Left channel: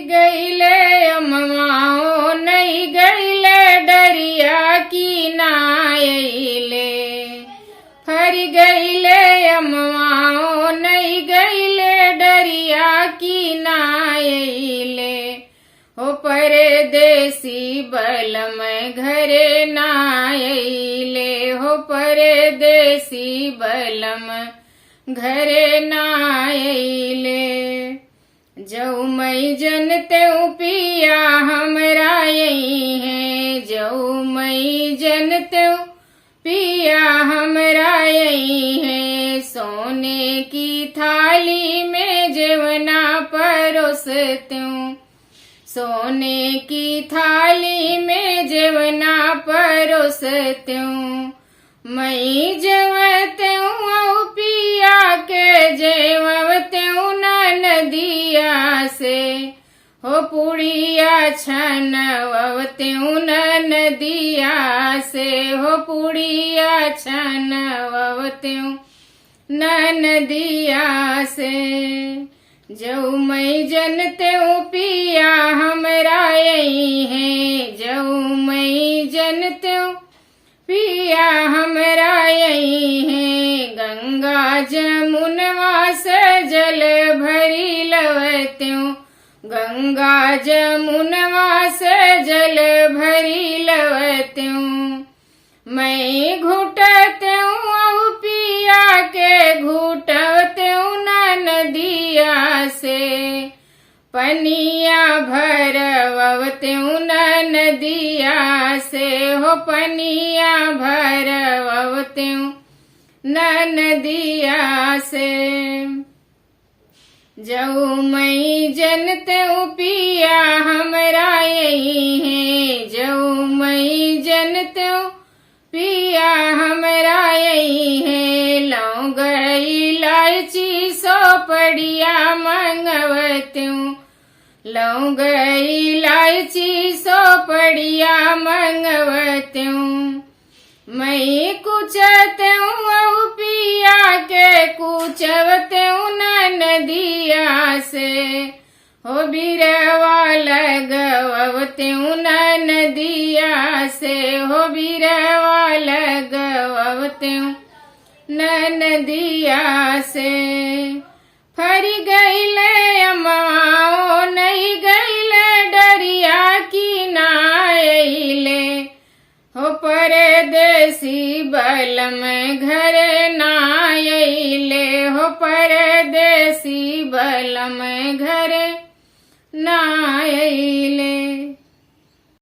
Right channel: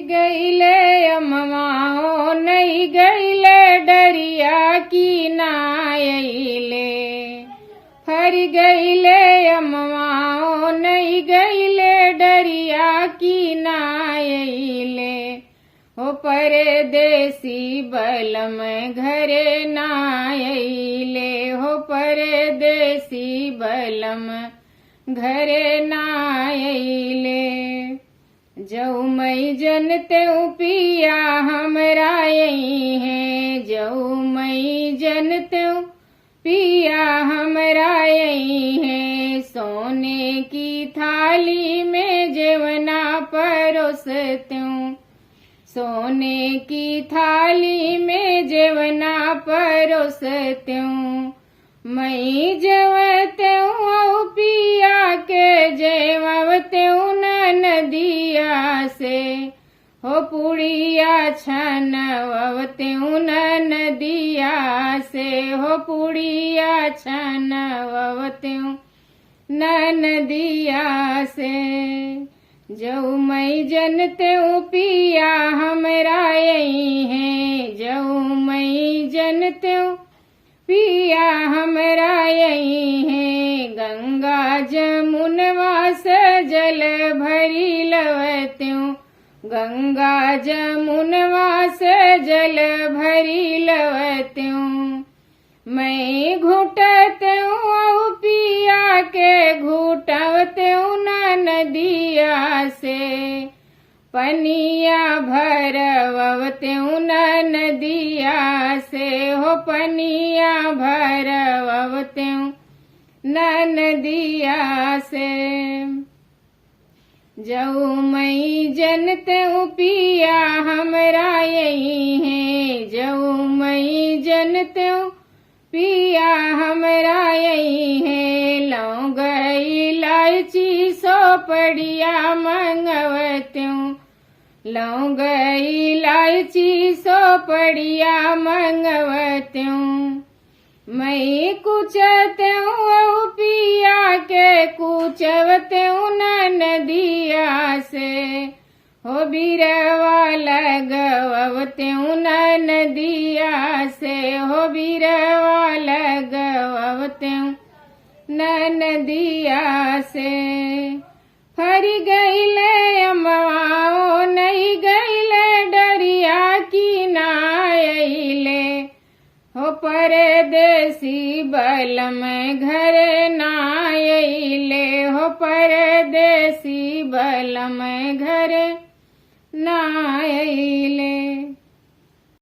गईले अमवाओ नहीं गईले डरिया की नायले। फरी गईले अमवाओ नहीं गईले डरिया की नायले। हो परदेसी बलम घरे नायले। हो परदेसी बलम घरे नायले। जऊ मई जनते पिया हमरा यही है। जऊ मई जनते पिया हमरा यही है। सोने की थाली में जेवना परोसते। सोने की थाली में जेवना परोसते। मई जेवते पिया के जेवते नदिया से। हो पुड़िया छनवते नदिया से। हो पुड़िया छनवते नदिया से। जऊ मई जनते पिया हमरा यही है। जऊ मई जनते पिया हमरा यही है। गंगा जमुनवा से जल भरी लवत्यूं। गंगा जमुनवा से जल भरी लवत्यूं। मैं घुटत्यूं पिया के घुटत्यूं नदिया से। पनिया भरवत्यूं नदिया से। हो पनिया भरवत्यूं नदिया से। जऊ मई जनते पिया हमरा यही है। जऊ मई जनते पिया हमरा यही है। लौंग इलायची सोपड़िया मंगवत्यूं। लौंग इलायची सोपड़िया मंगवत्यूं। मई कुचत्यूं पिया के कुचवत्यूं नदिया से। हो बिरवा लगवत्यूं नदिया से। हो बिरवा लगवत्यूं नदिया से। फरी गईले अमवाओ नहीं गईले डरिया की नायले। हो परदेसी बलम घरे नायले। हो परदेसी बलम घरे ना